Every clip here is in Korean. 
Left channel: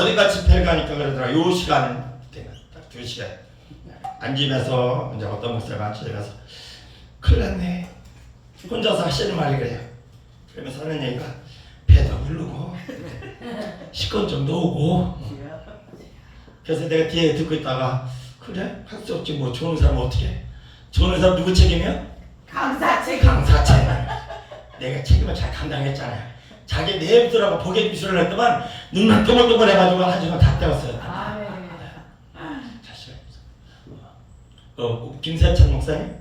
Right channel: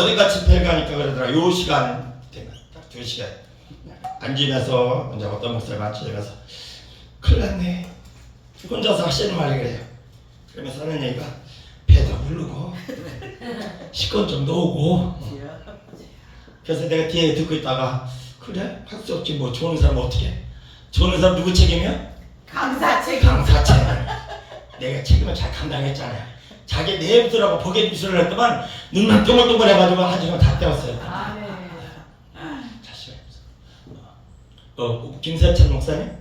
어디가 집회 가니까 그러더라. 요 시간 되면 딱두 시간 앉으면서 이제 어떤 목사님 앉으면서 큰일 났네. 혼자서 하시는 말이 그래요. 그러면서 하는 얘기가 배도 부르고 식권 좀 놓고 그래서 내가 뒤에 듣고 있다가 그래 할수 없지 뭐 좋은 사람 어떻게 해? 좋은 사람 누구 책임이야? 강사 책임. 강사 책임 내가 책임을 잘 감당했잖아요 자기 내부더라고 보게 미술을 했더만 눈만 동글동글 해가지고 하지만 다 떼었어요 아멘. 자식 어, 김세철 목사님?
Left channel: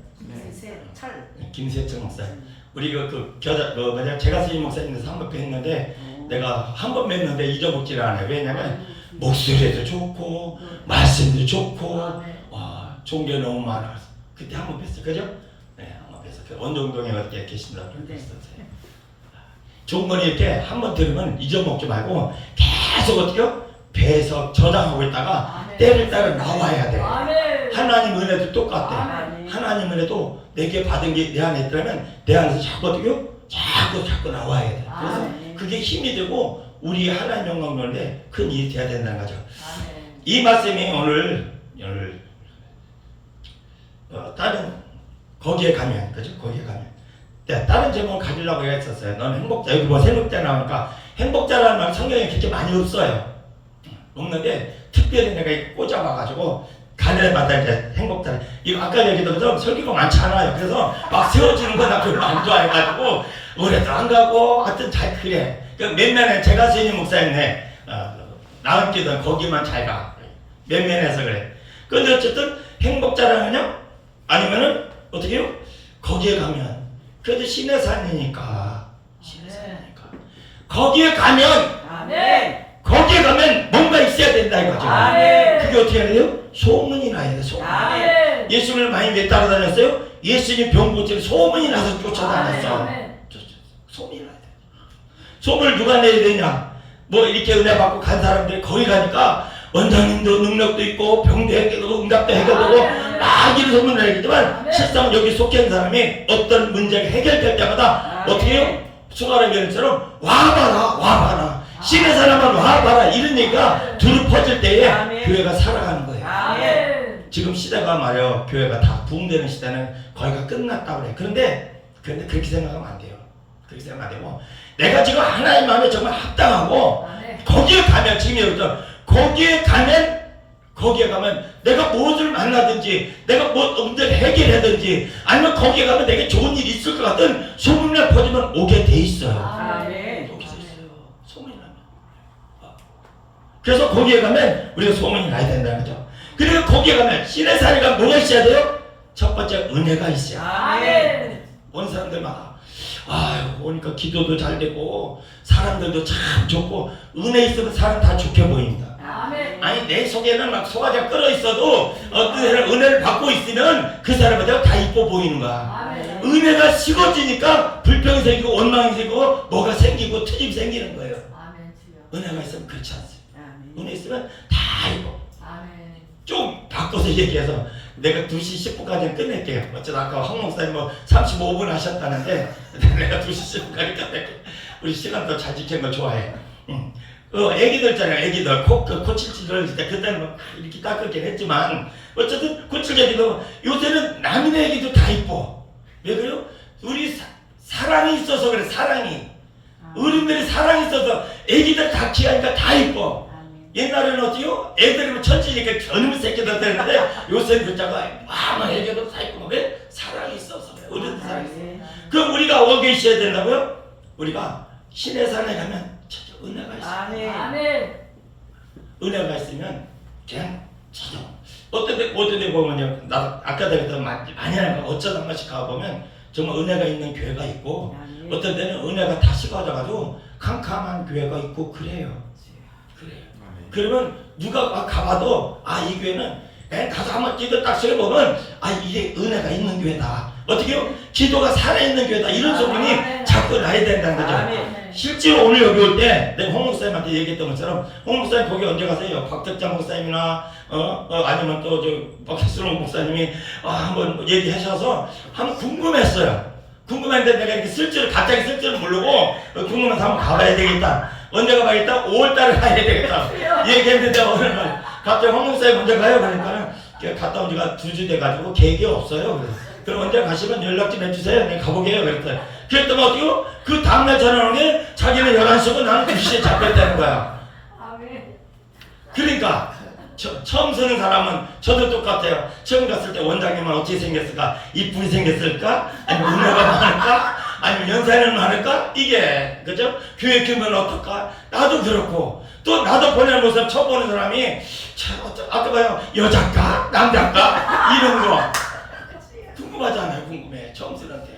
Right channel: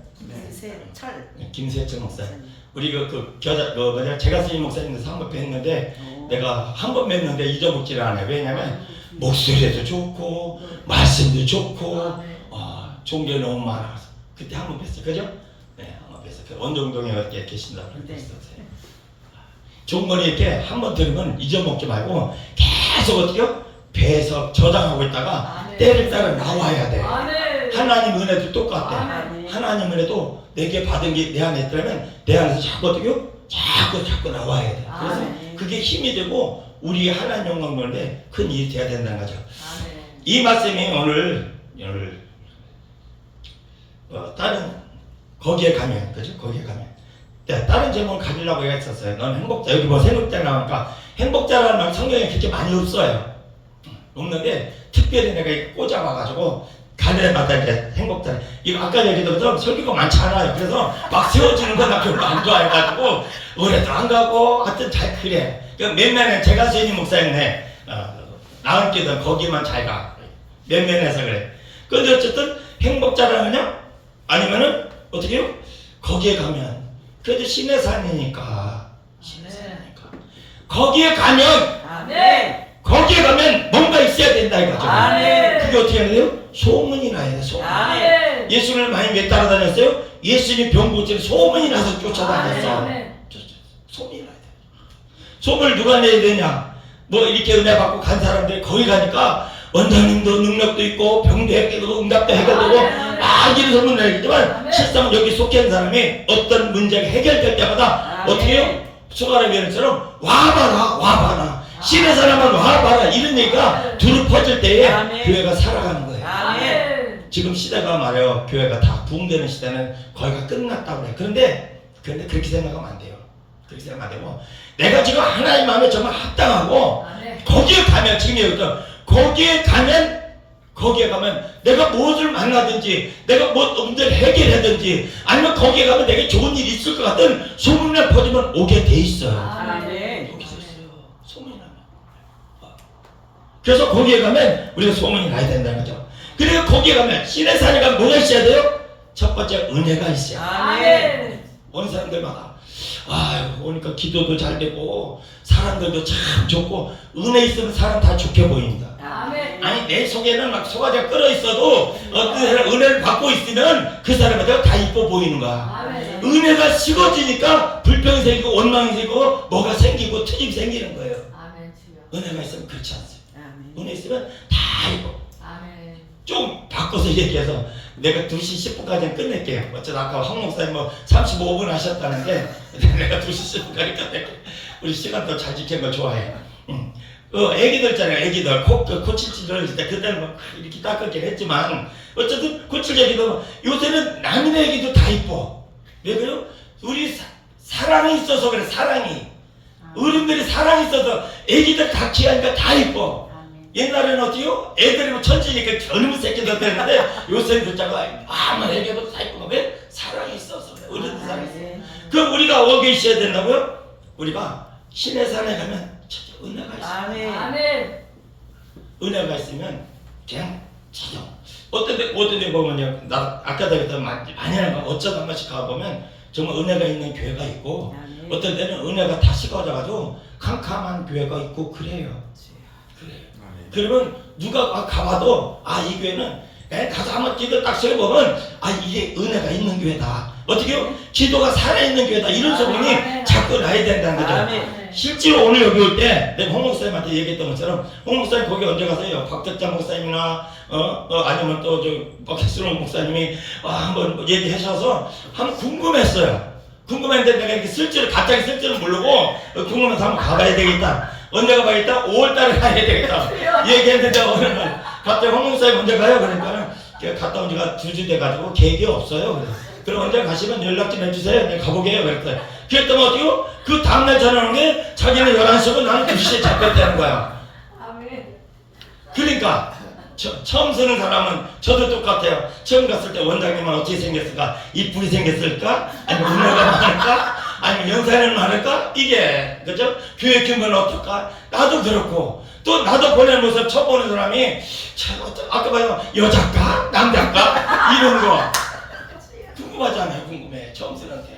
세- 철. 네, 김세철 목사님 우리 그, 그 겨자 그 뭐냐 제가 스님 목사님께서 한번 뵀는데 내가 한 번 뵀는데 잊어먹지를 않아요 왜냐면 목소리도 좋고 말씀도 좋고. 아, 좋은 게 너무 많아서 그때 한 번 뵀어 그죠? 네, 한번 뵀어 그 원정동에 이렇게 계신다고 네. 그랬었어요 좋은 거는 이렇게 한번 들으면 잊어먹지 말고 계속 어떻게요? 배에서 저장하고 있다가 아멘. 때를 따라 나와야 돼 아멘. 하나님 은혜도 똑같대 아멘. 하나님 은혜도 내게 받은 게 내 안에 있더라면 내 안에서 자꾸 어떻게요? 자꾸 자꾸 나와야 돼 그래서 아멘. 그게 힘이 되고 우리 하나님 영광 보는데 큰 일이 돼야 된다는 거죠 아멘. 이 말씀이 오늘 오늘 어, 다른 거기에 가면 그죠? 거기에 가면 네, 다른 제목을 가지려고 했었어요. 넌 행복자 여기 뭐 행복자 나오니까 행복자라는 말 성경에 그렇게 많이 없어요. 없는데 특별히 내가 꽂아봐가지고 가려마다 이제 행복자 이거 아까 얘기했던 것처럼 설교가 많지 않아요. 그래서 막 세워지는 건나 별로 안 좋아해가지고 오래도 안 가고 하여튼 잘 그래. 그 몇몇은 제가 스님 목사님네 어, 나은 끼던 거기만 잘 가. 몇몇에서 그래. 근데 어쨌든 행복자라면요? 아니면은 어떻게 해요? 거기에 가면 그래도 신의 산이니까 신의 산이니까 거기에 가면 아멘. 거기에 가면 뭔가 있어야 된다 이거죠. 아멘. 그게 어떻게 해야 돼요? 소문이 나야 돼. 소문. 아멘. 예수님을 많이 왜 따라다녔어요? 예수님 병 고칠 소문이 나서 쫓아다녔어. 아멘. 소문이 나야 돼. 소문을 누가 내야 되냐? 뭐 이렇게 은혜 받고 간 사람들이 거기 가니까 원장님도 능력도 있고 병도 해결되고 응답도 해결되고 아멘. 막 이런 소문 내겠지만 아멘. 실상은 여기 속해 있는 사람이 어떤 문제가 해결될 때마다 아멘. 어떻게 해요? 수가라 변처럼 와봐라 와봐라 신의 사람은 와봐라 이런 얘기가 두루 퍼질 때에. 교회가 살아가는 거예요. 지금 시대가 말이요 교회가 다 부흥되는 시대는 거의가 끝났다고 그래. 그런데 그런데 그렇게 생각하면 안 돼요. 그렇게 생각 안 되고 내가 지금 하나님 마음에 정말 합당하고. 거기에 가면 지금 여기서 거기에 가면 거기에 가면 내가 무엇을 만나든지 내가 무엇 문제를 해결하든지 아니면 거기에 가면 내게 좋은 일이 있을 것 같은 소문을 퍼지면 오게 돼 있어요. 여기서 있어요. 소문이 나면. 그래서 거기에 가면 우리가 소문이 나야 된다는 거죠. 그리고 거기에 가면 신의 산에 가면 뭐가 있어야 돼요? 첫 번째 은혜가 있어요. 아멘. 온 사람들마다 아유 오니까 기도도 잘 되고 사람들도 참 좋고 은혜 있으면 사람 다 좋게 보인다. 아니 내 속에는 막 소화가 끓어 있어도 어떤 사람 은혜를 받고 있으면 그 사람한테 다 이뻐 보이는 거야. 은혜가 식어지니까 불평이 생기고 원망이 생기고 뭐가 생기고 트집이 생기는 거예요. 은혜가 있으면 그렇지 않습니다. 은혜 있으면 다 이뻐. 좀 바꿔서 얘기해서 내가 2시 10분까지는 끝낼게요. 어쩌다 아까 황 목사님 뭐 35분 하셨다는데 내가 2시 10분까지 끝낼게. 우리 시간 더잘 지키는 거 좋아해. 응. 어, 애기들 있잖아요. 애기들 코, 그 코칠질을 때 그때는 뭐 이렇게 깎을게 했지만 어쨌든 코칠애기도 요새는 남인 애기도 다 이뻐. 왜 그래요? 우리 사, 사랑이 있어서 그래 사랑이. 어른들이 사랑이 있어서 애기들 같이 하니까 다 이뻐. 아멘. 옛날에는 어때요? 애들이 뭐 천천히 젊은 새끼들 되는데 요새는 글자가 아무 애기도 다 있고 왜? 사랑이 있어서 그래. 어른들 사랑이 있어. 아멘. 그럼 우리가 어디에 있어야 된다고요? 우리가 신의 산에 가면 은혜가 있어. 아멘. 아멘. 은혜가 있으면 그냥 찾아. 어떤 데 어떤 데 보면요. 나 아까 얘기했던 많이 하는 거 어쩌다 한 번씩 가 보면 정말 은혜가 있는 교회가 있고 아멘. 어떤 데는 은혜가 다 식어져가지고 캄캄한 교회가 있고 그래요. 그래요. 그러면 누가 가봐도 아 이 교회는 내가 가서 한번 기도 딱 세보면 아 이게 은혜가 있는 교회다. 어떻게요? 기도가 살아있는 교회다. 이런 소문이 아멘. 자꾸 나야 된다는 거죠. 아멘. 아멘. 실제로 오늘 여기 올 때 내가 홍 목사님한테 얘기했던 것처럼 홍 목사님 거기 언제 가세요? 박덕장 목사님이나 어, 어 아니면 또저 박혜순 목사님이 아, 한번 얘기하셔서 한번 궁금했어요. 궁금했는데 내가 이렇게 쓸 줄 갑자기 쓸 줄을 모르고 어, 궁금해서 한번 가봐야 되겠다. 언제 가봐야겠다? 5월달에 가야 되겠다. 얘기했는데 날 갑자기 황목사에 먼저 가요 그러니까는 갔다 온 지가 두 주 돼가지고 계획이 없어요 그래. 그럼 언제 가시면 연락 좀 해주세요 내가 가보게요 그랬더니 그랬더니 어떻게 그 다음날 전화 오는 게 자기는 11시고 나는 2시에 잡혔다는 거야. 그러니까 처, 처음 서는 사람은 저도 똑같아요. 처음 갔을 때 원장님은 어떻게 생겼을까? 이쁘게 생겼을까? 아니면 운명가 많을까? 아니면 연세는 많을까? 이게 그죠? 교회 규모는 어떨까? 나도 그렇고 또 나도 보내는 모습 처음 보는 사람이 참 어쩌- 아까 봐요 여자일까? 남자일까? 이런 거 궁금하잖아요. 궁금해. 처음 쓰는데.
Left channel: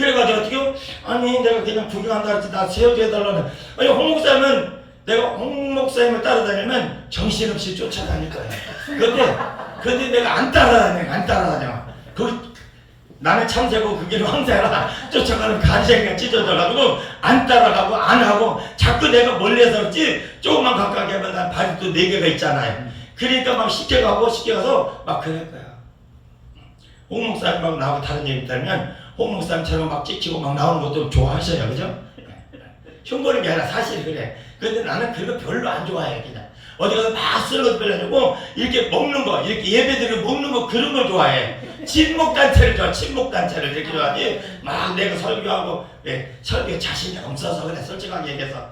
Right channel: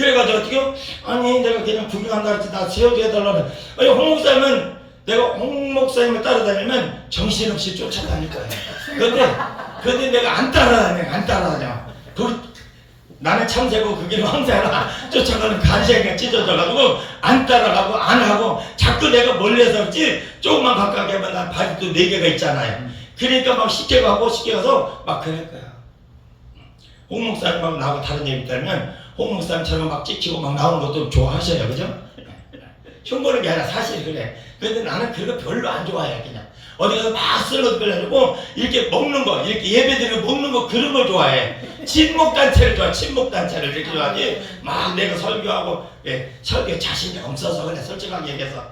그래가지고 어떻게 아니 내가 그냥 구경한다 그랬지. 나 세워줘야 달라는 아니 홍 목사님은 내가 홍 목사님을 따라다니면 정신없이 쫓아다닐 거야. 근데 근데 내가 안 따라다녀 안 따라다녀. 그 나는 참새고 그 길을 황새라 쫓아가는 간새가 찢어져가지고 안 따라가고 안 하고 자꾸 내가 멀리서 그렇지. 조금만 가까이 하면 난또네 개가 있잖아요. 그러니까 막 쉽게 가고 쉽게 가서 막 그럴 거야. 홍 목사님하고 나하고 다른 일 있다면 홍 목사님처럼 막 찍히고 막 나오는 것도 좋아하셔요. 그죠? 흉보는 게 아니라 사실 그래. 근데 나는 그거 별로 안 좋아해 그냥. 어디 가서 막안 좋고 이렇게 먹는 거 이렇게 예배드리면 먹는 거 그런 거 좋아해. 친목 단체를 좋아 친목 단체를 이렇게 좋아하지 막 내가 설교하고 예, 설교에 자신이 없어서 그래 솔직하게 얘기해서.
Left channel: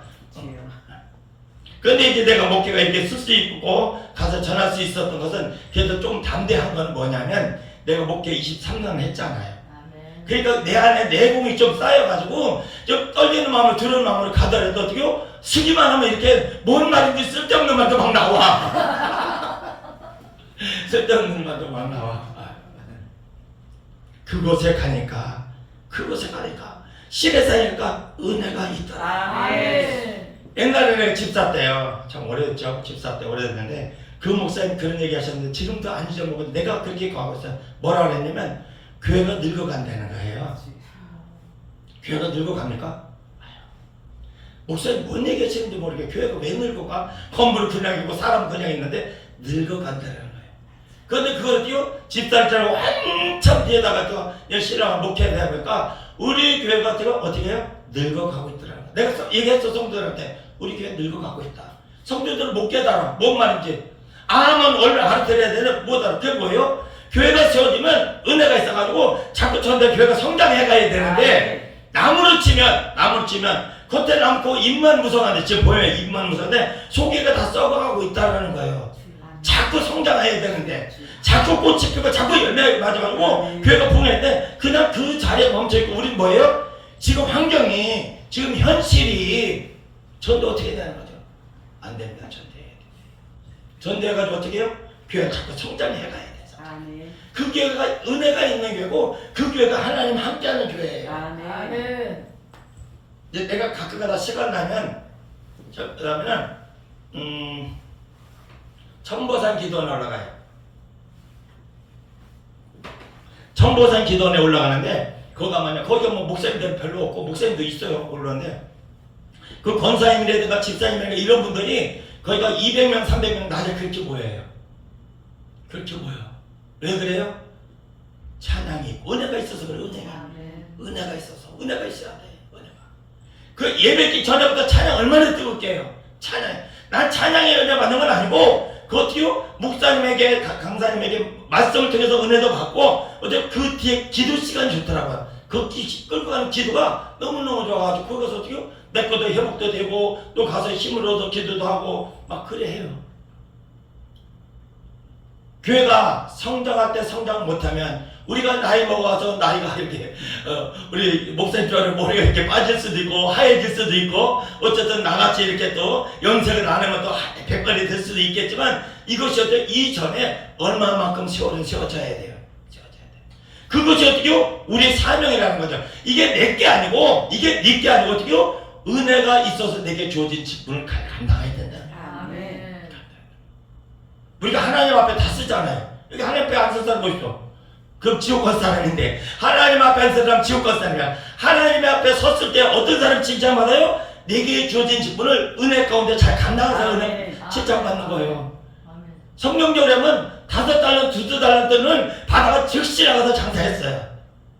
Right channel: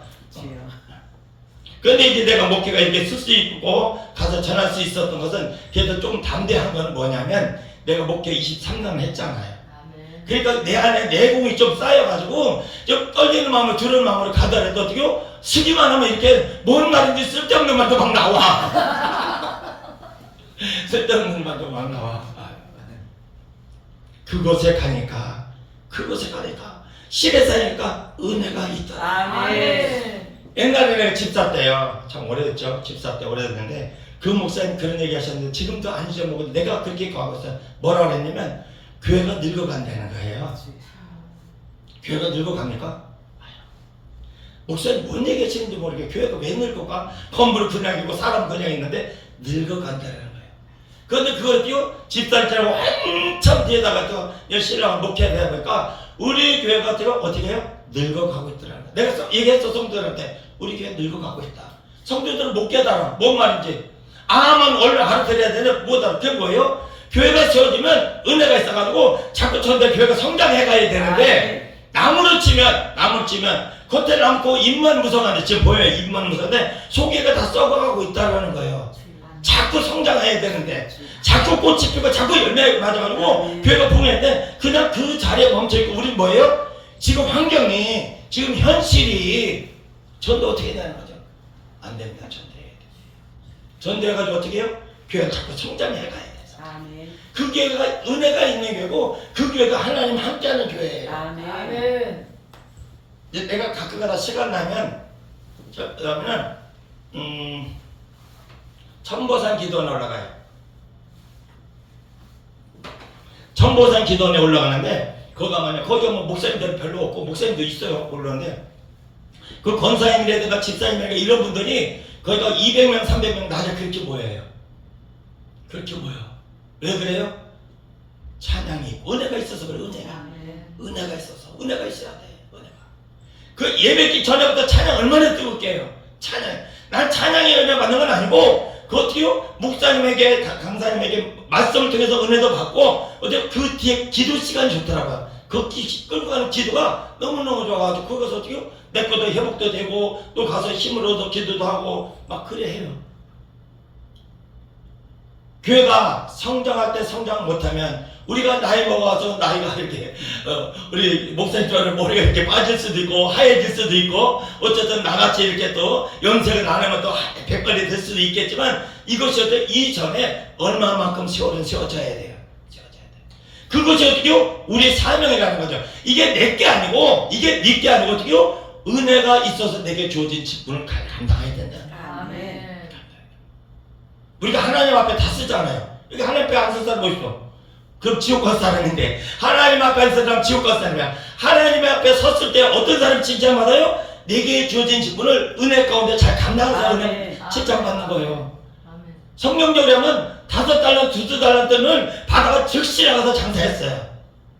근데 이제 내가 목회가 이렇게 쓸 수 있고 가서 전할 수 있었던 것은 그래도 좀 담대한 건 뭐냐면 내가 목회 23년 했잖아요. 그러니까 내 안에 내공이 좀 쌓여가지고 좀 떨리는 마음을 들은 마음으로 가더라도 어떻게요? 쓰기만 하면 이렇게 뭔 말인지 쓸데없는 말도 막 나와 쓸데없는 말도 막 나와 그곳에 가니까 그곳에 가니까 실에 사니까 은혜가 있더라 아멘. 옛날에 내가 집사 때요. 참 오래됐죠. 집사 때 오래됐는데 그 목사님 그런 얘기 하셨는데 지금도 안 잊어먹고 내가 그렇게 가고 있어요. 뭐라 그랬냐면 교회가 늙어간다는 거예요. 교회가 늙어갑니까? 목사님 뭔 얘기 하시는지 모르게 교회가 왜 늙어가? 건물 그냥이고 사람 그냥 있는데 늙어간다는 거예요. 그런데 그걸 띄워 집사람처럼 한참 뒤에다가 또 신랑을 목회를 해보니까 우리 교회 같은 거 어떻게 해요? 늙어가고 있더라고요. 내가 써- 얘기했어 성도들한테 우리 교회 늙어가고 있다. 성도들은 못 깨달아. 뭔 말인지. 아면 얼른 알아들어야 되는 못 알아. 그게 뭐예요? 교회가 세워지면 은혜가 있어가지고 자꾸 전대 교회가 성장해 가야 되는데 나무로 치면 나무로 치면 겉에 남고 입만 무성한데 지금 보여요 입만 무성한데 속에가 다 썩어가고 있다는 거예요 자꾸 성장해야 되는데 자꾸 꽃이 피고 자꾸 열매 맞아가지고 교회가 풍요했는데 그냥 그 자리에 멈춰있고 우린 뭐예요? 지금 환경이 지금 현실이 전도 어떻게 되는 거죠? 안 됩니다 전도해야 돼 전도해가지고 어떻게 해요? 교회가 자꾸 성장해 가야 돼서 아멘. 그 교회가 은혜가 있는 교회고 그 교회가 하나님 함께하는 교회예요 아멘. 내가 가끔가다 시간 나면 저 그러면은 음 청보산 기도원에 올라가요. 청보산 기도원에 올라가는데 거기 가면 거기 뭐 목사님들은 별로 없고 목사님도 있어요 올라는데 그 권사님이라든가 집사님이라든가 이런 분들이 거기가 200명 300명 낮에 그렇게 모여요. 그렇게 모여. 왜 그래요? 찬양이 은혜가 있어서 그래 은혜가. 아멘. 은혜가 있어서. 은혜가 있어야 돼 은혜가. 그 예배기 전에부터 찬양 얼마나 뜨겁게요? 찬양. 난 찬양의 은혜 받는 건 아니고 그 어떻게요? 목사님에게 가- 강사님에게 말씀을 통해서 은혜도 받고 어떻게 그 뒤에 기도 시간이 좋더라고요. 그 기, 끌고 가는 기도가 너무너무 좋아가지고 거기서 어떻게요? 내 것도 회복도 되고 또 가서 힘을 얻어 기도도 하고 막 그래 해요 교회가 성장할 때 성장 못하면 우리가 나이 먹어서 나이가 이렇게 어, 우리 목사님처럼 머리가 이렇게 빠질 수도 있고 하얘질 수도 있고 어쨌든 나같이 이렇게 또 염색을 안 하면 또 백발이 될 수도 있겠지만 이것이 어때 이전에 얼마만큼 세월은 세워져야 돼요. 세워져야 돼요. 그것이 어떻게요? 우리의 사명이라는 거죠. 이게 내게 아니고 이게 네게 아니고 어떻게요? 은혜가 있어서 내게 주어진 직분을 가- 감당해야 된다. 우리가 하나님 앞에 다 쓰잖아요. 이게 하나님 앞에 안쓴 사람 뭐 있어? 그럼 지옥 갈 사람인데 하나님 앞에 안쓴 사람 지옥 갈 사람이야. 하나님 앞에 섰을 때 어떤 사람 칭찬받아요? 내게 주어진 직분을 은혜 가운데 잘 은혜 아멘. 칭찬받는 거예요. 성경적으로 하면 다섯 달러, 두두 달러는 바다가 즉시 나가서 장사했어요.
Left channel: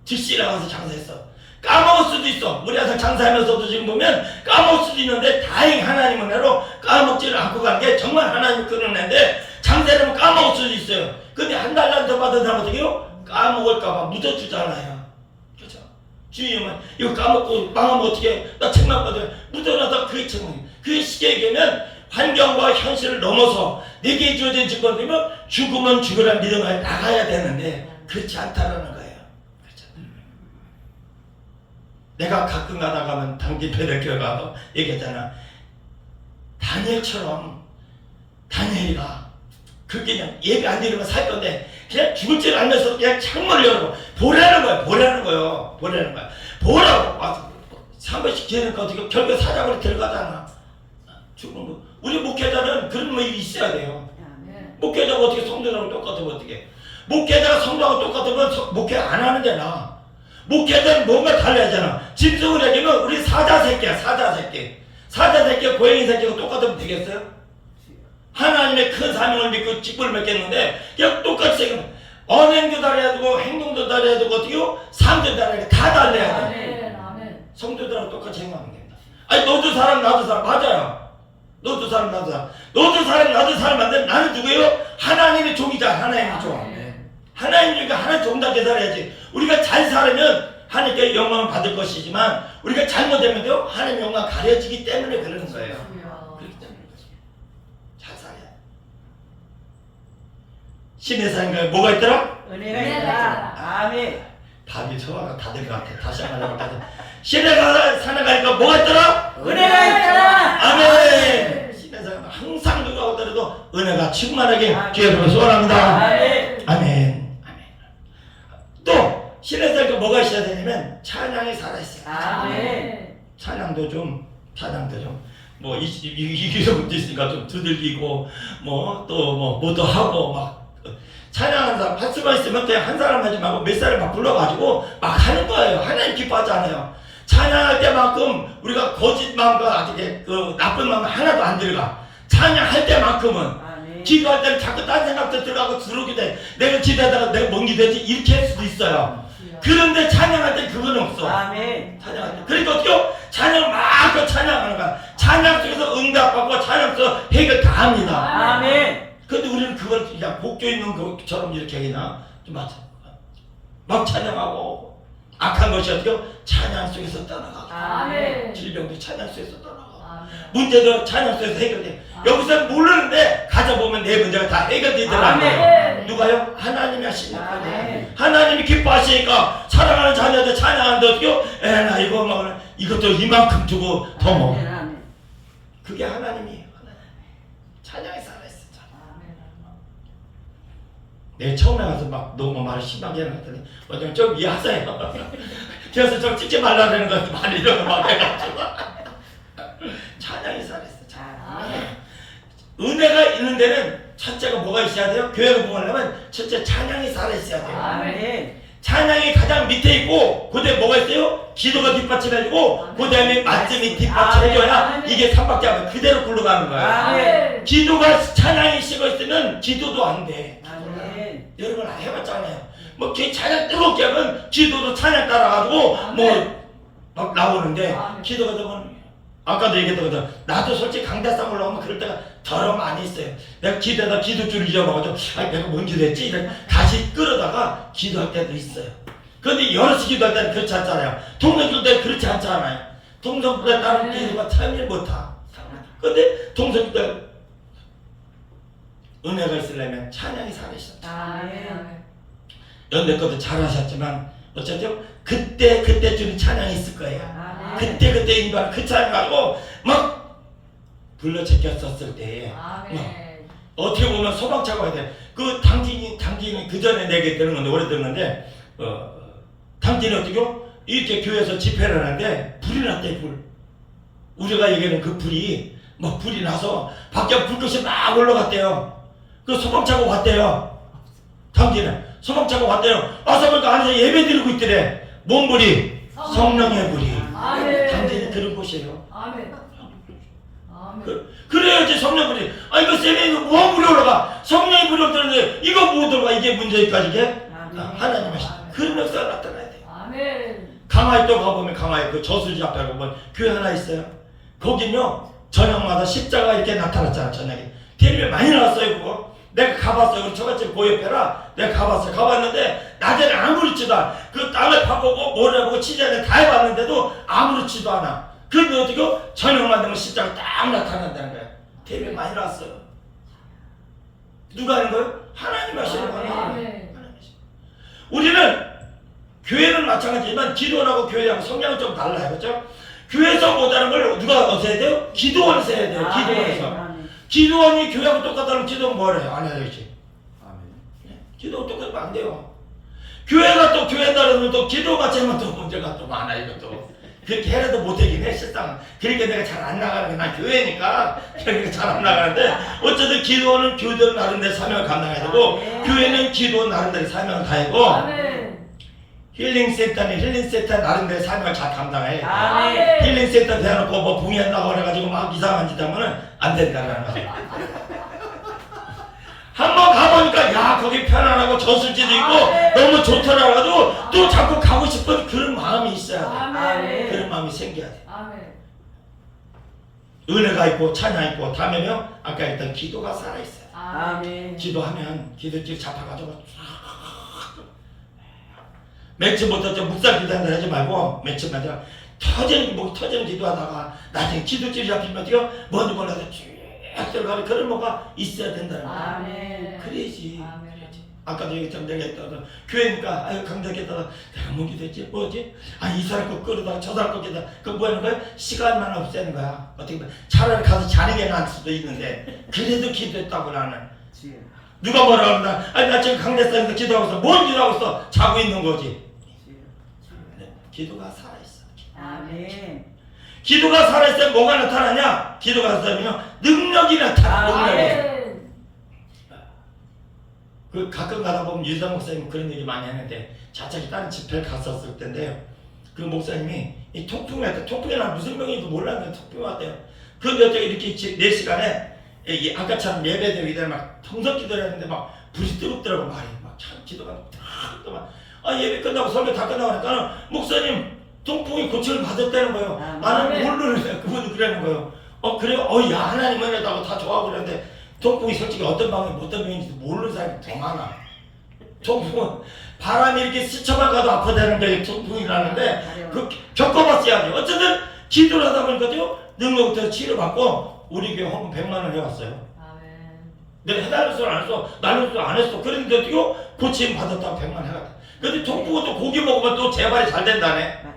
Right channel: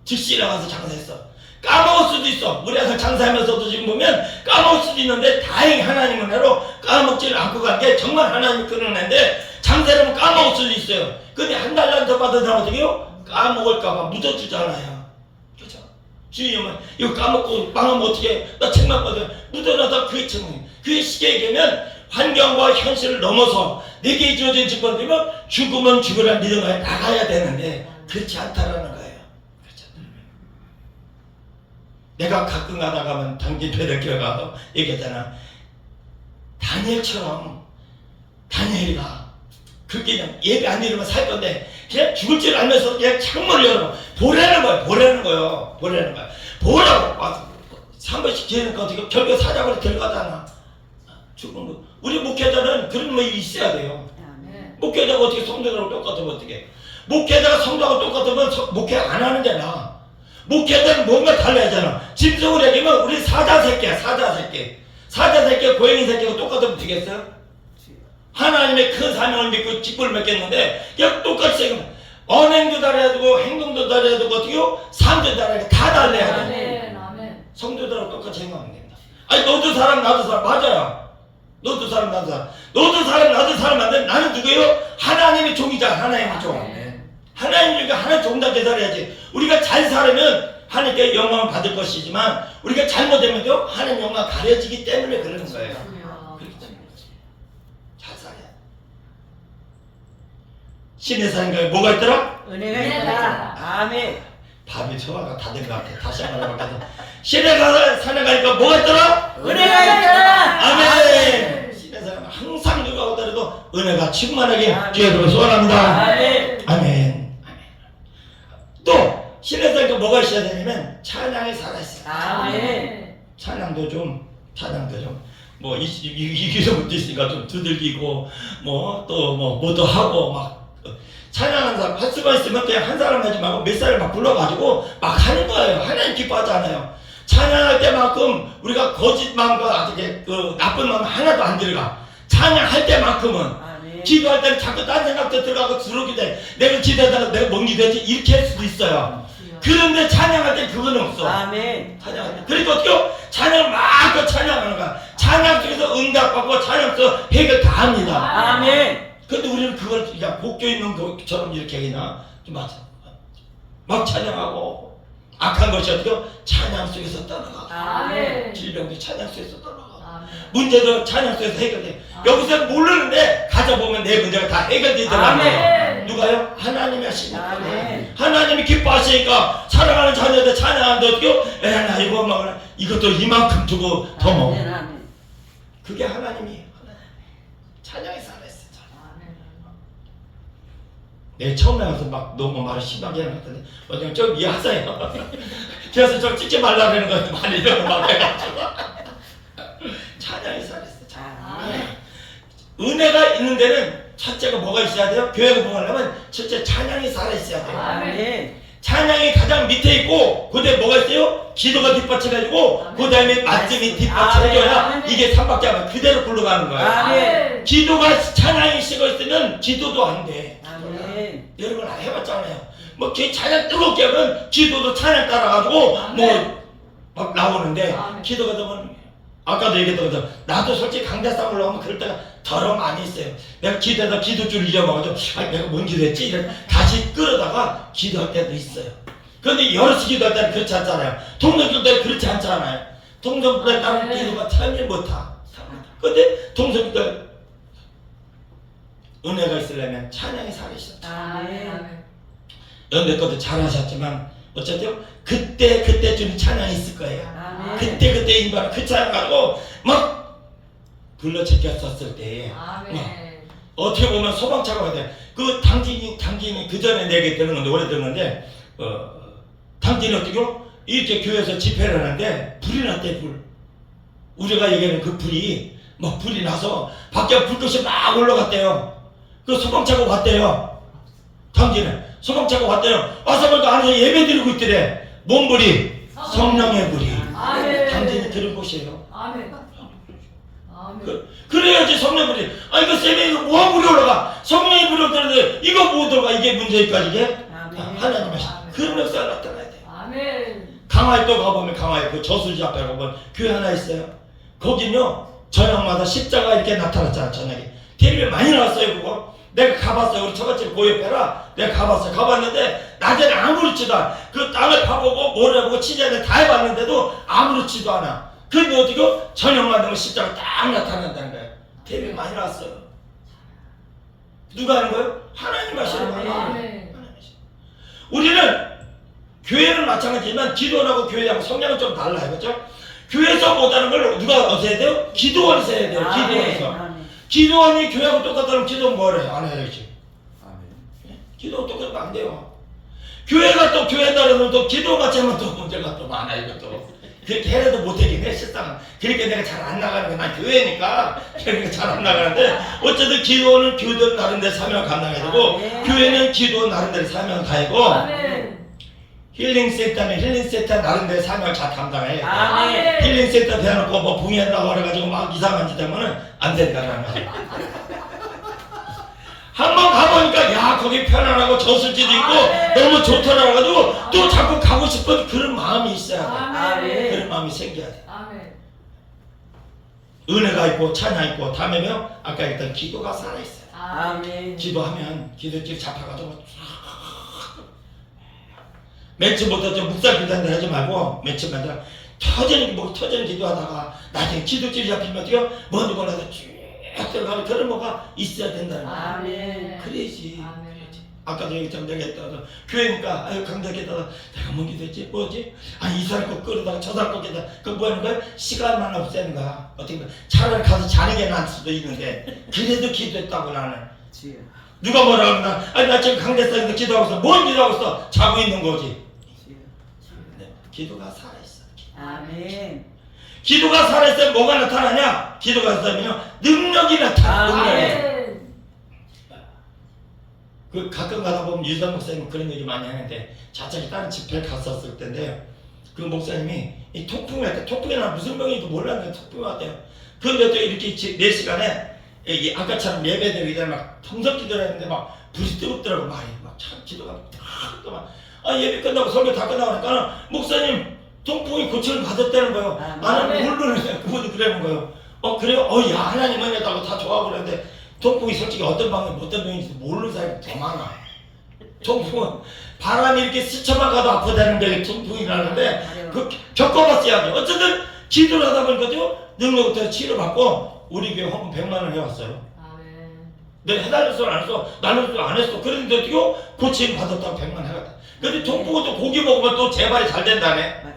즉시 나가서 장사했어. 까먹을 수도 있어. 우리 항상 장사하면서도 지금 보면 까먹을 수도 있는데 다행히 하나님 은혜로 까먹지를 않고 간 게 정말 하나님이 끊어낸데 장사를 하면 까먹을 수도 있어요. 근데 한 달만 더 받은 사람 어떻게 요 까먹을까봐 묻어주잖아요. 그죠? 주님은 이거 까먹고 망하면 어떻게 나 책망거든 묻어놔다 그게 책망. 그게 시계에 되면 환경과 현실을 넘어서 내게 주어진 직권이면 죽으면 죽으라 믿어가 나가야 되는데 그렇지 않다라는 거예요. 그렇죠? 내가 가끔 가다 가면 당진 배대교회 가서 얘기했잖아. 다니엘처럼 다니엘이가 그게 그냥 예배 안 드리면 살 건데 그냥 죽을 줄 알면서 그냥 창문을 열고 보라는 거야 보라는 거요 보라는 거야 보라고. 와서 한 번씩 지내니까 어떻게 결국 사자굴에 들어가잖아. 죽은 거. 우리 목회자는 그런 거 있어야 돼요. 목회자가 어떻게 성도랑 똑같으면 어떻게? 목회자가 성도하고 똑같으면 서- 목회 안 하는 게 나아 목회자는 뭔가 달라야 잖아 짐승을 얘기면 우리 사자 새끼야 사자 새끼. 사자 새끼 고양이 새끼가 똑같으면 되겠어요? 하나님의 큰 사명을 믿고 직분을 맺겠는데 그냥 똑같이 지금 언행도 달아야 되고 행동도 달아야 되고 어떻게요? 삶도 달아야 돼. 다 달래야 돼. 성도들하고 똑같이 행하면 됩니다 아니 너도 사람 나도 사람 맞아요 너도 사람 나도 사람 너도 사람 나도 사람 맞는데 나는 누구예요? 하나님의 종이다 하나님의 종 아멘. 하나님이니까 하나님 종다 대달해야지 우리가 잘 살면 하나님께 영광을 받을 것이지만 우리가 잘못되면요 하나님 영광 가려지기 때문에 그러는 거예요 그렇기 때문에 그렇지. 잘 살아야 돼. 신의 사인가에 뭐가 있더라? 은혜가 있다. 아멘. 밥이 소화가 다된것 같아 다시 한번 해볼까 신의 사인에 가니까 뭐가 있더라? 은혜가 있다. 아멘 신의 사인 항상 누가 오더라도 은혜가 충만하게 기회로 소원합니다 아멘. 아멘. 또 신에서 뭐가 있어야 되냐면 찬양이 살아있어요. 아멘. 찬양도 좀 찬양도 좀 뭐 이기서부터 있으니까 좀 두들기고 뭐 또 뭐 뭐도 하고 막 찬양하는 사람 할 수가 있으면 그냥 한 사람 하지 말고 몇 사람 막 불러가지고 막 하는 거예요. 하나님 기뻐하잖아요. 찬양할 때만큼 우리가 거짓마음과 어떻게 그 나쁜 마음 하나도 안 들어가. 찬양할 때만큼은 아멘. 기도할 때는 자꾸 딴 생각도 들어가고 들어오게 돼. 내가 기도하다가 내가 뭔 기도했지? 이렇게 할 수도 있어요. 그런데 찬양할 때 그건 없어. 아멘. 찬양할 때. 그러니까 어떻게 찬양을 막그 찬양하는 거야. 찬양 속에서 응답하고 찬양 속에서 해결 다 합니다. 아멘. 근데 우리는 그걸 그냥 복교 있는 것처럼 이렇게 그냥. 막 찬양하고 악한 것이 어떻게 찬양 속에서 떠나가고 아멘. 질병도 찬양 속에서 떠나가고 아멘. 문제도 찬양 속에서 해결돼. 여기서는 모르는데 가져보면 내 문제가 다 해결되더라고요. 아멘. 누가요? 하나님이 하시니까. 아멘. 하나님이 기뻐하시니까 사랑하는 자녀들 찬양하는데 어떻게요? 에나 이거 먹으나 이것도 이만큼 주고 더 먹어. 아멘. 아멘. 그게 하나님이 찬양에 살아있어. 내 처음에 가서 막 너무 말을 심하게 해놨더니 어제 좀이 하세요. 그래서 좀 찍지 말라 그러는 거 많이 이러고 막 해가지고 찬양에 살아있어. 찬양. 아멘. 은혜가 있는 데는 첫째가 뭐가 있어야 돼요? 교회가 봉하려면 첫째 찬양이 살아있어야 돼요. 아멘. 찬양이 가장 밑에 있고 그다음에 뭐가 있어요? 기도가 뒷받침해주고 아멘. 그다음에 말씀이 뒷받침해줘야 아멘. 이게 삼박자 하면 그대로 굴러가는 거예요. 아멘. 기도가 찬양이 식어 있으면 기도도 안 돼. 여러분 다 해봤잖아요. 뭐 기- 찬양 뜨겁게 하면 기도도 찬양 따라가지고 뭐 막 나오는데 아멘. 기도가 되면 아까도 얘기했던 것처럼 나도 솔직히 강대상 올라오면 그럴 때가 더러 많이 있어요. 내가 기도하다 기도줄 잊어먹어서 아 내가 뭔 기도했지? 이래 다시 끌어다가 기도할 때도 있어요. 그런데 여럿이 기도할 때는 그렇지 않잖아요. 동성길 때는 그렇지 않잖아요. 동성길에 따른 네. 기도가 참일 못하. 근데 동성길 때 은혜가 있으려면 찬양이 살아있어. 아멘. 아멘. 연대 것도 잘하셨지만 어쨌든 그때 그때 좀 찬양이 있을 거예요. 아멘. 그때 그때 인간 그 찬양하고 막 불러 제꼈었을 때 아멘. 어떻게 보면 소방차가 와야 돼. 그 당진이 당진이 그 전에 내게 되는 건데 오래 되는데 어 당진이 어떻게 이렇게 교회에서 집회를 하는데 불이 났대 불. 우리가 얘기하는 그 불이 막 불이 나서 밖에 불꽃이 막 올라갔대요. 그 소방차가 왔대요. 당진에 소방차가 왔대요. 와서 보니까 안에서 예배 드리고 있더래. 뭔 불이? 성령의 불이. 당진이 곳이에요. 아멘. 그, 그래야지 성령 불이 아 이거 세면이 뭐가 불이 올라가 성령이 불이 없다는데 이거 뭐 들어가 이게 문제일까 이게 아, 하나님 하시 그런 역사가 나타나야 돼 아멘. 강 강화에 또 가보면 강화에 그 저수지 앞에 가보면 교회 하나 있어요. 거기는요 저녁마다 십자가 이렇게 나타났잖아 저녁에 TV에 많이 나왔어요 그거. 내가 가봤어요. 우리 처갓집 고옆에라 내가 가봤어요. 가봤는데 낮에는 아무렇지도 않아. 그 땅을 파보고 모래 보고 치자를 다 해봤는데도 아무렇지도 않아. 근데 어떻게 저녁만 되면 십자가 딱 나타난다는 거예요. TV에 많이 나왔어요. 누가 하는 거예요? 하나님 하시는 거예요. 하나님 하시는 거예요. 우리는 교회는 마찬가지지만 기도하고 교회하고 성향은 좀 달라요. 그렇죠? 교회에서 못하는 걸 누가 어서 해야 돼요? 기도원에서 해야 돼요. 기도원에서. 아멘. 기도원이 교회하고 똑같다면 기도는 뭘 해요? 안 해야지. 아멘. 기도 똑같으면 안 돼요. 교회가 또 교회 따르면 또 기도 같이 하면 또 문제가 또 많아 이것도. 그렇게 해도 못하긴 해 실상은. 그러니까 내가 잘 안 나가는 거난 교회니까 그러니까 잘 안 나가는데 어쨌든 기도는 교회 나름대로 사명을 감당해야 되고 네. 교회는 기도 나름대로 사명을 다하고 아멘. 힐링 센터는 힐링 센터 나름대로 사명을 잘 감당해야 돼. 아멘. 힐링 센터 대놓고 뭐 붕해한다고 그래가지고 막 이상한 짓 하면은 안 된다는 거야. 한번 가보니까 야 거기 편안하고 저수지도 있고 아멘. 너무 좋더라 해가지고 또 자꾸 가고 싶은 그런 마음이 있어야 돼. 아멘. 그런 마음이 생겨야 돼. 아멘. 은혜가 있고 찬양 있고 다음에요 아까 했던 기도가 살아있어요. 아멘. 기도하면 기도질 잡혀가지고 며칠부터 좀 묵살 기도한다 하지 말고 며칠만 더 터지는 뭐 터지는 기도하다가 나중에 기도질이 잡히면 어때요? 뭔지 몰라서 쭉 들어가는 그런 뭐가 있어야 된다는 거야. 아멘. 그래야지. 아멘. 아까도 얘기했잖아 내가 했다가 교회니까 아유 강덕에다가 내가 뭔 기도했지 뭐지 아니 이 사람 거 끌어다가 저 사람 거 끌어다가 그거 뭐 하는 거야 시간만 없애는 거야 어떻게 보면 차라리 가서 자는 게 나을 수도 있는데 그래도 기도했다고 나는. 누가 뭐라 그러나 아니 나 지금 강대상에서 기도하고 있어 뭔 기도하고 있어 자고 있는 거지. 네, 기도가 살아있어 아멘. 기도가 살아있으면 뭐가 나타나냐 기도가 살아있으면 능력이 나타나. 능력이 아멘. 그 가끔 가다 보면 유자 목사님 그런 얘기 많이 하는데 자작이 다른 집회를 갔었을 텐데요. 그 목사님이 이 통풍이 왔대. 통풍이 나 무슨 병인지 몰랐는데 통풍이 왔대요. 그런데 또 이렇게 지- 네 시간에 이 아까처럼 예배드리기 전에 막 성석 기도를 했는데 막 불이 뜨겁더라고 말이 막 참 기도가 막 아, 예배 끝나고 설교 다 끝나가니까 목사님 통풍이 고침을 받았다는 거예요. 아멘. 나는 모르는 그분도 그러는 거예요. 어 그래요? 어야 하나님 은혜다고 다 좋아하고 그러는데 통풍이 솔직히 어떤 방이 어떤 병인지 모르는 사람이 더 많아. 통풍은 바람이 이렇게 스쳐만 가도 아프다는 게 통풍이라는데 그 겪어봤어야 돼. 어쨌든 기도를 하다 보니까요 능력부터 치료받고 우리 교회 헌금 100만 원 해왔어요. 아멘. 내가 해달을 수안 했어. 나는 또안 했어. 그런데 어떻게 고침 받았다고 100만 원 해갔다. 근데 통풍은 또 고기 먹으면 또 재발이 잘 된다네. 맞아요.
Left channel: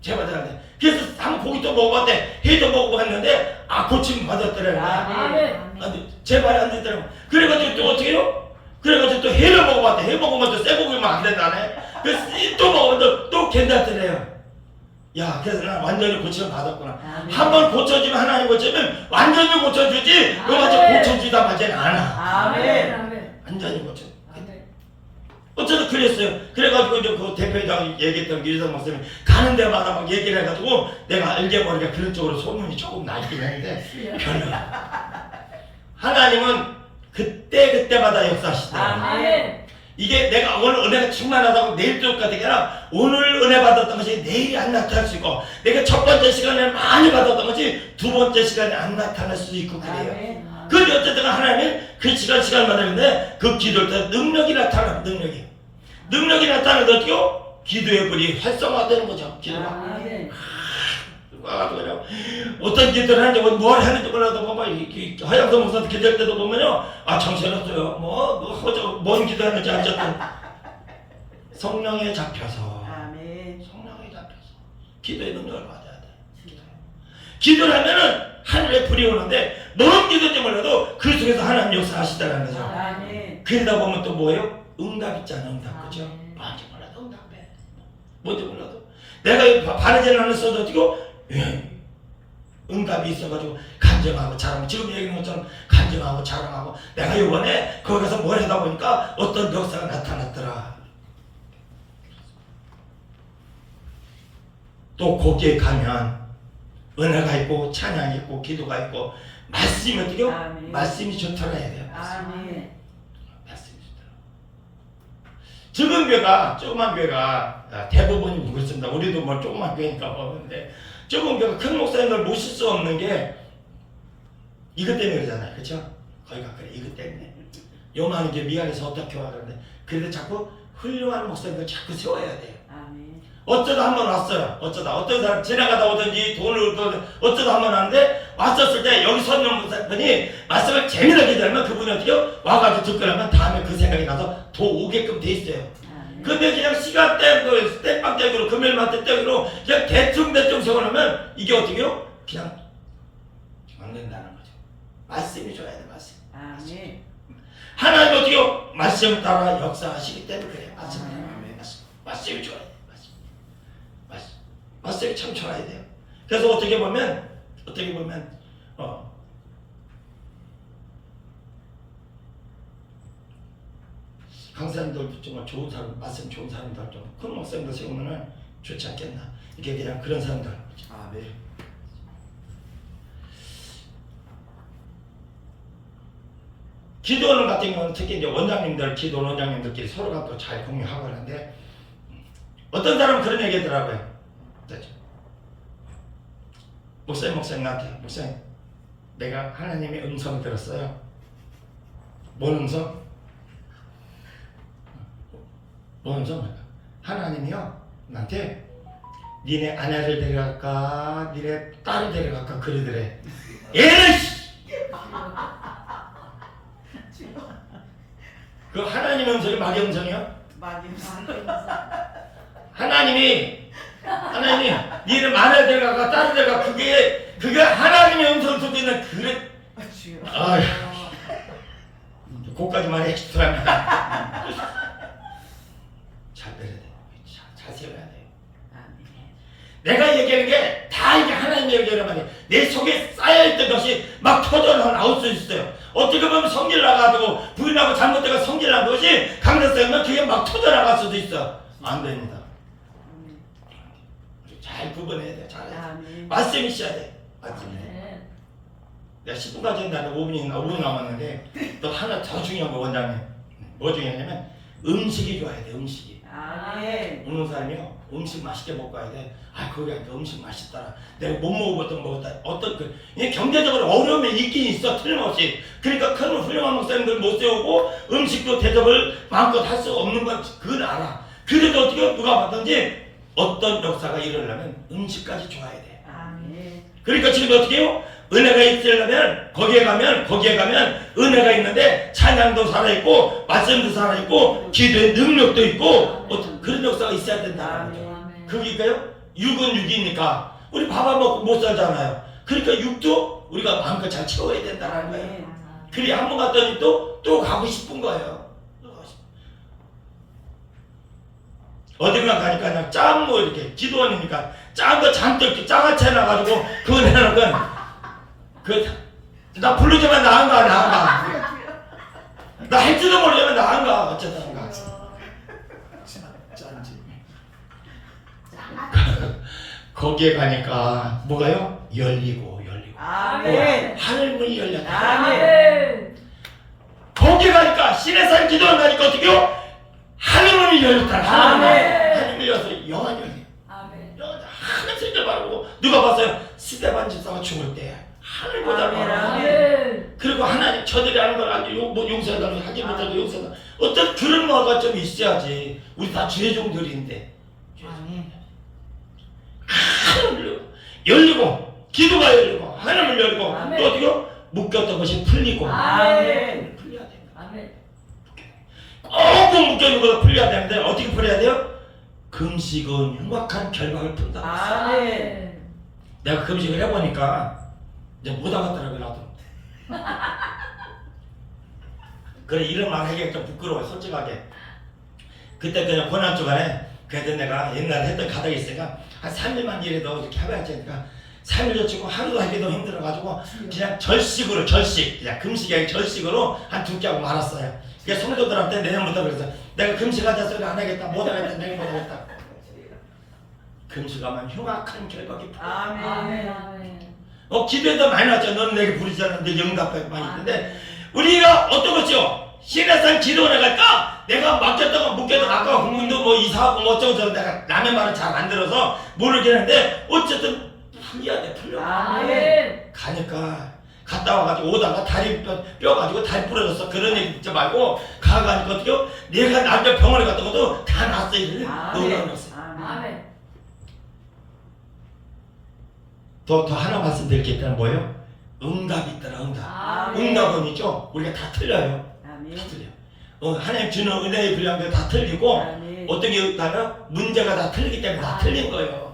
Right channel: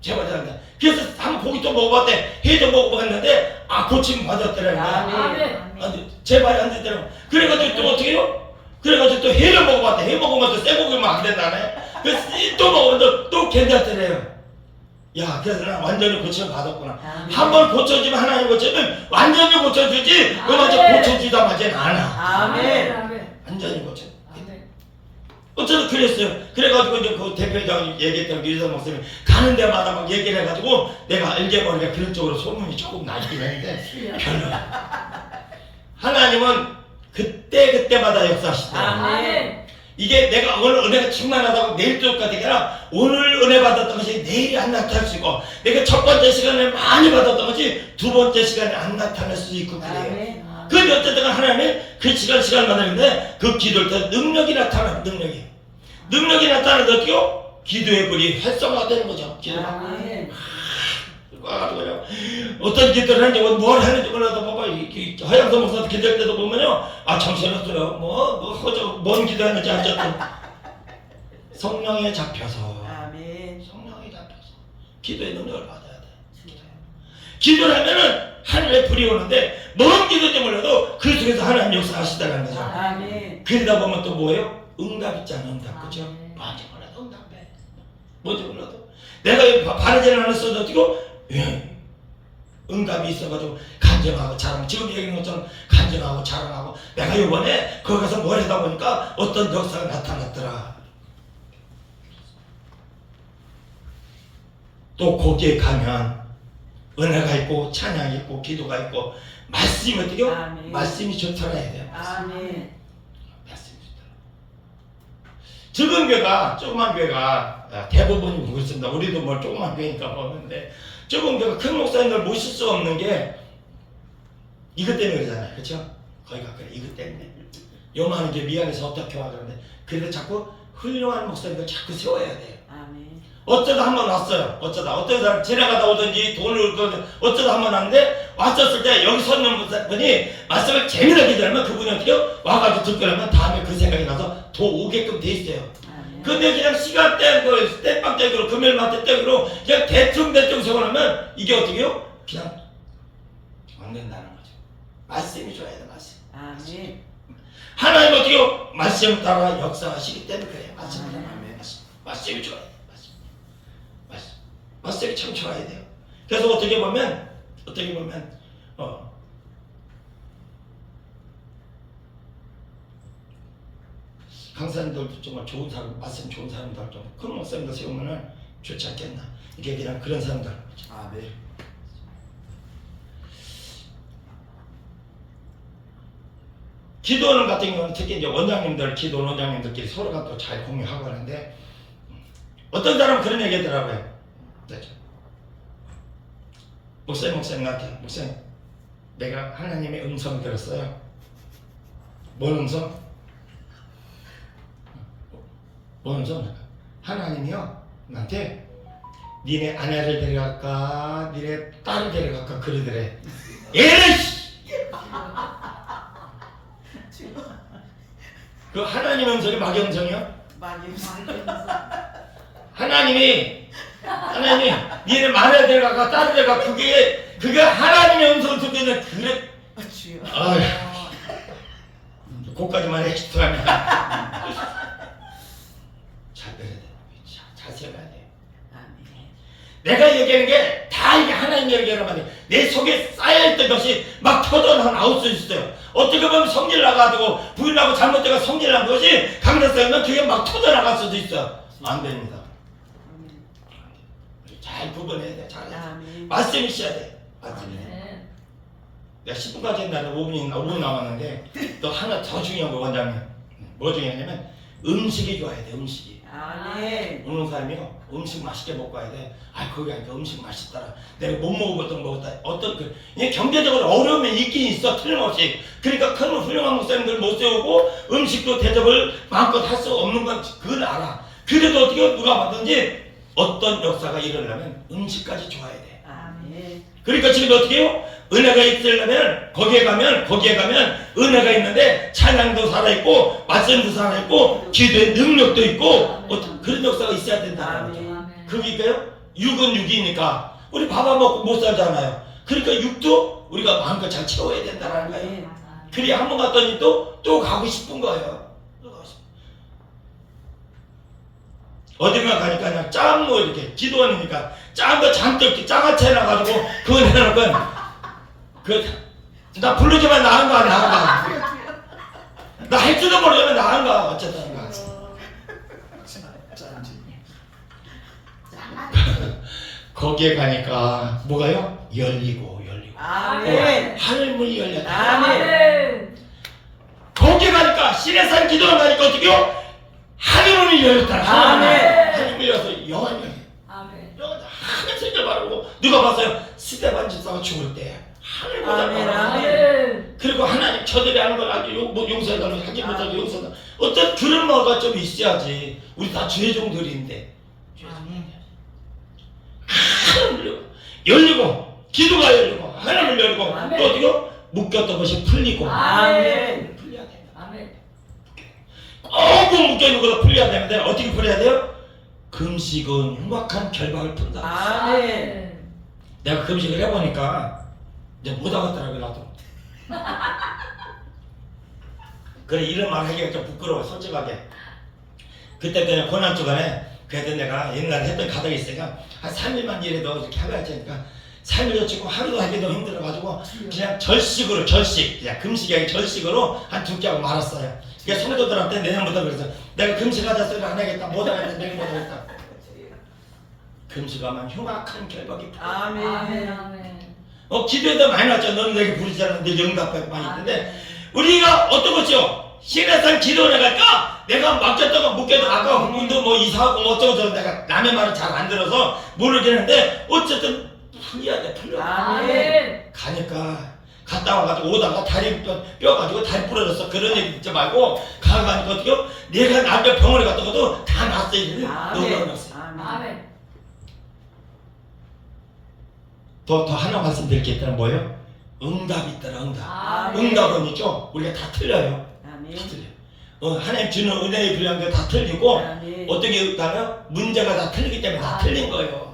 재발이 잘 돼. 그래서 한 고기 또 먹어봤대. 회도 먹어봤는데 아 고침 받았더라는 거야. 아멘. 아멘. 안 돼. 재발이 안 되더라고. 그래가지고 또 어떻게 해요? 그래가지고 또 회를 먹어봤대. 회 먹으면 또 쇠 고기면 안 된다네. 그래서 또 먹으면 또, 또 괜찮더래요. 야, 그래서 나 완전히 고침을 받았구나. 아멘. 한 번 고쳐지면 하나님 고쳐면 완전히 고쳐주지. 저 아멘. 고쳐주다 마지는 않아. 아멘. 아멘. 완전히 고쳐. 어쨌든 그랬어요. 그래가지고 이제 그 대표장 얘기했던 유리사 목사님 가는 데마다 막 얘기를 해가지고 내가 알게 모르게 그런 쪽으로 소문이 조금 나긴 했는데 별로. 하나님은 그때 그때마다 역사하시더라고요. 아멘. 이게 내가 오늘 은혜가 충만하다고 내일 게 아니라 오늘 은혜 받았던 것이 내일 안 나타날 수 있고 내가 첫 번째 시간에 많이 받았던 것이 두 번째 시간에 안 나타날 수도 있고 그래요. 그런데 어쨌든 하나님이 그 시간 시간마다 있는데 그 기도를 때 능력이 나타나 능력이 능력이 나타나는데 어떻게요? 기도의 불이 활성화되는 거죠. 기도가 아멘. 와가지고 그냥 어떤 기도를 하는지 뭐뭘 했는지 몰라도 봐봐 허영선 목사도 기도할 때도 보면요 아 정신없어요 뭐뭐 허저 뭔 기도하는지 어쨌든 성령에 잡혀서 아멘. 성령에 잡혀서 기도의 능력을 받아야 돼 기도를 하면은 하늘에 불이 오는데 뭔 기도인지 몰라도 그 속에서 하나님 역사하시다는 거죠 아멘. 그러다 보면 또 뭐예요? 응답 있잖아 응답 그죠? 아멘. 뭔지 몰라도 응답해 뭔지 몰라도 내가 이 바- 바르지는 않았어도 어떻게 예. 응답이 있어가지고 간증하고 자랑 지금 얘기한 것처럼 간증하고 자랑하고 내가 이번에 거기 가서 뭘 하다 보니까 어떤 역사가 나타났더라 또 거기에 가면 은혜가 있고 찬양이 있고 기도가 있고 말씀이 어떻게. 말씀이 해야 돼요 아멘더라. 적은 교회가 조그만 교회가 아, 대부분 그렇습니다. 우리도 뭐 조그만 교회니까 보는데 적은 교회가 큰 목사님들 모실 수 없는 게 이것 때문에 그러잖아요. 그렇죠? 거기가 그래 이것 때문에 요만한 게 미안해서 어떻게 와 그러는데 그래도 자꾸 훌륭한 목사님들 자꾸 세워야 돼요. 어쩌다 한 번 왔어요. 어쩌다 어떤 사람 지나가다 오든지 돈을 얻든 어쩌다 한 번 왔는데 왔었을 때 여기 서 있는 분이 말씀을 재미나게 들으면 그분이 어떻게 와가지고 듣고 나면 다음에 그 생각이 나서 더 오게끔 돼 있어요. 아멘. 근데 그냥 시간대 그 땜빵대기로 금요일마다 때기로 그냥 대충 대충 적어놓으면 이게 어떻게 요? 그냥 안 된다는 거죠. 말씀이 좋아야 돼 말씀. 아멘. 하나님 어떻게 요? 말씀 따라 역사하시기 때문에 그래요. 말씀 따라 말씀. 말씀이 좋아요. 말씀. 말씀. 말씀이 참 좋아야 돼요. 그래서 어떻게 보면 어떻게 보면 어 강사님들도 정말 좋은 사람, 말씀 좋은 사람들 좀큰 목사님들 세우면은 좋지 않겠나. 이게 그냥 그런 사람들. 아, 네. 기도는 같은 경우는 특히 이제 원장님들, 기도 원장님들끼리 서로가 또 잘 공유하고 하는데 어떤 사람은 그런 얘기 하더라고요. 그렇죠. 목사님, 목사님한테 목사님, 내가 하나님의 음성을 들었어요. 뭔 음성? 뭔 음성? 하나님이요 나한테 니네 아내를 데려갈까, 니네 딸을 데려갈까 그러더래. 에이씨! 그 하나님 음성이 마귀 음성이요? 마귀 하나님이 하나님이 니는 마늘 데려가가 딸을 데려가 그게 그게 하나님의 음성을 듣고 있는 그래. 아휴. 그까지만 해 죄송합니다 잘 배려야 돼 자- 잘 세워야 돼. 내가 얘기하는 게 다 이게 하나님 얘기하는 말이야 내 속에 쌓여있던 것이 막 터져 나올 수 있어요 어떻게 보면 성질 나가지고 부인하고 잘못되고 성질 난 것이 강력성이면 그게 막 터져 나갈 수도 있어 안 됩니다. 잘 구분해야 돼. 잘해. 아멘. 말씀이 있어야 돼. 말씀이. 네. 내가 10분까지 했는데 5분이 5분 남았는데 또 하나 더 중요한 거 원장님. 뭐 중요하냐면 음식이 좋아야 돼. 음식이. 아멘. 어느 사람이요 음식 맛있게 먹고 가야 돼. 아 거기 가니까 음식 맛있더라. 내가 못 먹은 것도 먹었다. 어떤 그 이게 경제적으로 어려움이 있긴 있어 틀림없이. 그러니까 큰 훌륭한 목사님들 못 세우고 음식도 대접을 마음껏 할 수 없는 건 그걸 알아. 그래도 어떻게 누가 봤든지 어떤 역사가 일어나면 음식까지 좋아야 돼. 아멘. 그러니까 지금 어떻게 해요? 은혜가 있으려면 거기에 가면 거기에 가면 은혜가 있는데 찬양도 살아있고 말씀도 살아있고 기도의 능력도 있고 어떤 그런 역사가 있어야 된다는 거죠. 그게요 육은 육이니까 우리 밥 안 먹고 못 살잖아요. 그러니까 육도 우리가 마음껏 잘 채워야 된다는 거예요. 아멘. 그래야 한번 갔더니 또 또 가고 싶은 거예요. 또 가고 싶- 어딘가 가니까 그냥 짠뭐 이렇게 기도원이니까 짠거 잔뜩 이렇게 짜같이 해놔가지고 그거 내놓고 그나 부르지만 나은가 나은가 나할 줄도 모르지만 나은가 어쨌든가 짠지. 거기에 가니까 뭐가요? 열리고 열리고 아멘. 하늘 문이 열렸다 아멘. 아멘. 거기 가니까 신의 산 기도원 가니까 어떻게요? 하늘 문이 열렸다. 하늘 문이 열려서 영원히. 하늘 색을 바르고 누가 봤어요? 스테반 집사가 죽을 때 하늘 보다 바라 아멘. 그리고 하나님 저들이 하는 걸 아주 용- 뭐 용서해달라고 하지 못하도 용서해달라 어떤 그런 마가 좀 있어야지 우리 다 죄종들인데. 하늘 열리고 열리고 기도가 열리고 하나님 열리고 아멘. 또 어떻게요? 묶였던 것이 풀리고 아멘. 꽁꽁 묶여있는 거가 풀려야 되는데 어떻게 풀려야 돼요? 금식은 흉악한 결박을 푼다. 아멘. 내가 금식을 해보니까 이제 못하겠더라고요 나도. 그래 이런 말 하기가 좀 부끄러워 솔직하게. 그때 그냥 고난 주간에 그래도 내가 옛날에 했던 가닥이 있으니까 한 3일만 일해도 이렇게 해봐야지 하니까 3일도 찍고 하루도 하기도 힘들어가지고 그냥 절식으로 절식 그냥 금식이 아니라 절식으로 한두 끼하고 말았어요 그래서 성도들한테 내년부터 그래서 내가 금식하자 소리 안 하겠다 못 하겠다 내일 못 하겠다 금식하면 흉악한 풀려 아멘. 아멘. 아멘. 어 기도에도 많이 나왔죠. 너는 내게 부르지 않는데 영답하고 많이 있는데 우리가 어떤 거죠? 신에서 기도해 갈까? 내가 맡겼다가 묶여도 아까 흥문도 뭐 이사하고 뭐 어쩌고 저쩌고 내가 남의 말을 잘 안 들어서 모르겠는데 어쨌든 돼 풀려 아멘. 가니까 갔다 와가지고 오다가 다리 뼈, 뼈 가지고 다리 부러졌어 그런 일 있지 말고 가가니까 어떻게 내가 남자 병원에 갔다 와도 다 났어 이제 아멘. 놀라웠어 아멘. 더, 더 하나 말씀드릴 게 있다는 뭐예요? 응답이 있더라 응답 아멘. 응답은 있죠 우리가 다 틀려요 아멘. 다 틀려요 어, 하나님 주는 은혜의 분량도 다 틀리고 아멘. 어떻게 있다면 문제가 다 틀리기 때문에 다 틀린 거예요.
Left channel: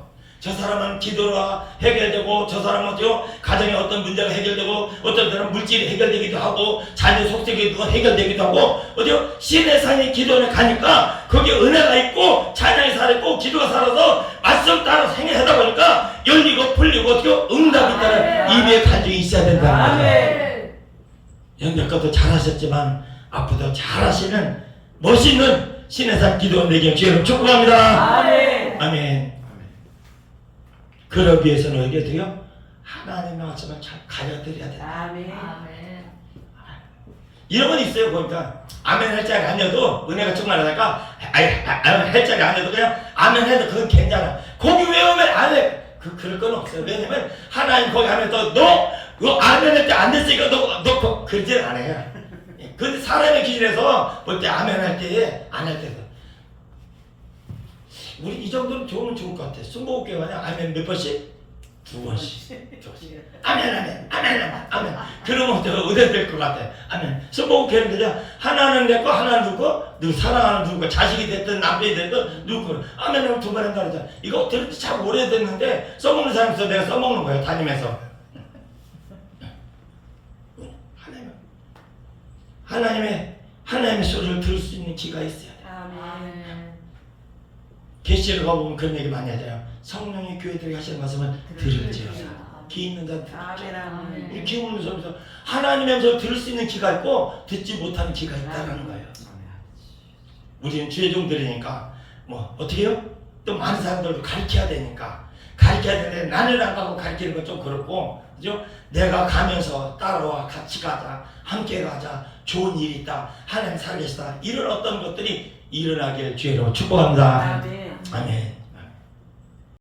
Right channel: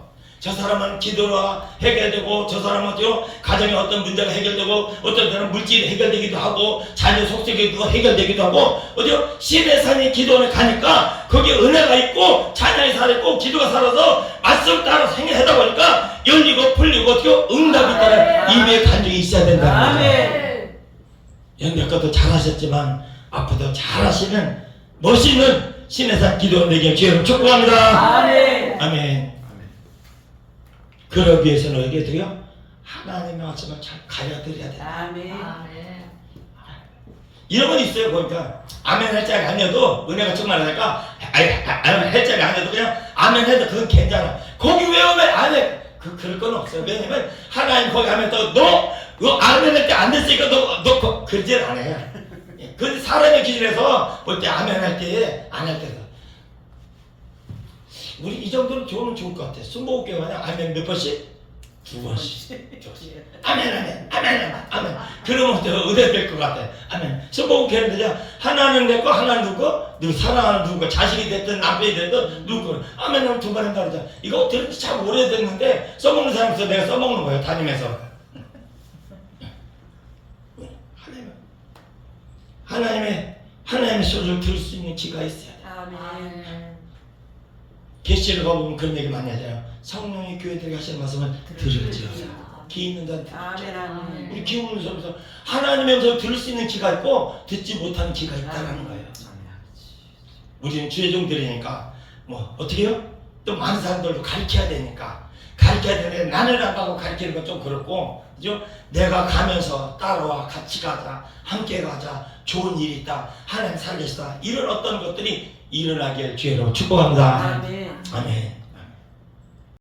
저 사람은 기도로 해결되고 저 사람은 또 가정에 어떤 문제가 해결되고 어떤 사람은 물질이 해결되기도 하고 자녀 속색이도 해결되기도 하고 어디요 신의 산에 기도를 가니까 거기에 은혜가 있고 자녀의 살아있고 기도가 살아서 말씀 따라 생애하다 보니까 열리고 풀리고 어떻게 응답이 있다는 입에 간증이 있어야 된다는 거죠. 아멘. 연대껏도 잘하셨지만 앞으로도 잘하시는 멋있는 신의 산 기도 내게 주여 축복합니다. 아멘. 아멘. 그러기 위해서는 어떻게 돼요? 하나님의 말씀을 잘 가려드려야 돼. 아멘. 아멘. 이런 건 있어요. 보니까 아멘 할 자리 아니어도 은혜가 충만하니까 아니 아, 아멘 할 자리 아니어도 그냥 아멘 해도 그건 괜찮아. 거기 외우면 안 해. 그 그럴 건 없어요. 왜냐면 하나님 거기 하면 또 너 너 아멘 할 때 안 됐으니까 너 너 그러질 않아요. 그 사람의 기준에서 볼 때 아멘 할 때 안 할 때도 우리 이 정도는 좋으면 좋을 것 같아. 순복음 교회 만에 아멘 몇 번씩? 두 번씩. 아멘 아멘 아멘 아멘 아멘. 그러면 또 은혜 될것 같아 아멘. 성공 교회는요 하나는 내 거 하나는 누구 누구 사랑하는 누구 자식이 됐든 남편이 됐든 누구 아멘 하면 두번 한다 그러잖아 이거 들은 지 참 오래됐는데 써먹는 사람에서 내가 써먹는 거예요 다니면서. 하나님. 하나님의 하나님의 소리를 들을 수 있는 귀가 있어야 돼. 아멘. 계시를 가보면 그런 얘기 많이 하잖아요 성령이 교회들이 하시는 말씀을 들을지어 귀 있는 자는 들을지어 아멘. 아멘. 우리 귀 없는 사람에서 하나님의 음성을 들을 수 있는 귀가 있고 듣지 못하는 귀가 있다는 거예요. 우리는 죄종들이니까 뭐 어떻게 해요? 또 많은 사람들도 가르쳐야 되니까 가르쳐야 되는데 나는 안 가고 가르치는 건 좀 그렇고 그죠? 내가 가면서 따라와 같이 가자 함께 가자 좋은 일이 있다 하나님 살계시다 이런 어떤 것들이 일어나길 주의로 축복합니다. 아멘. 아멘.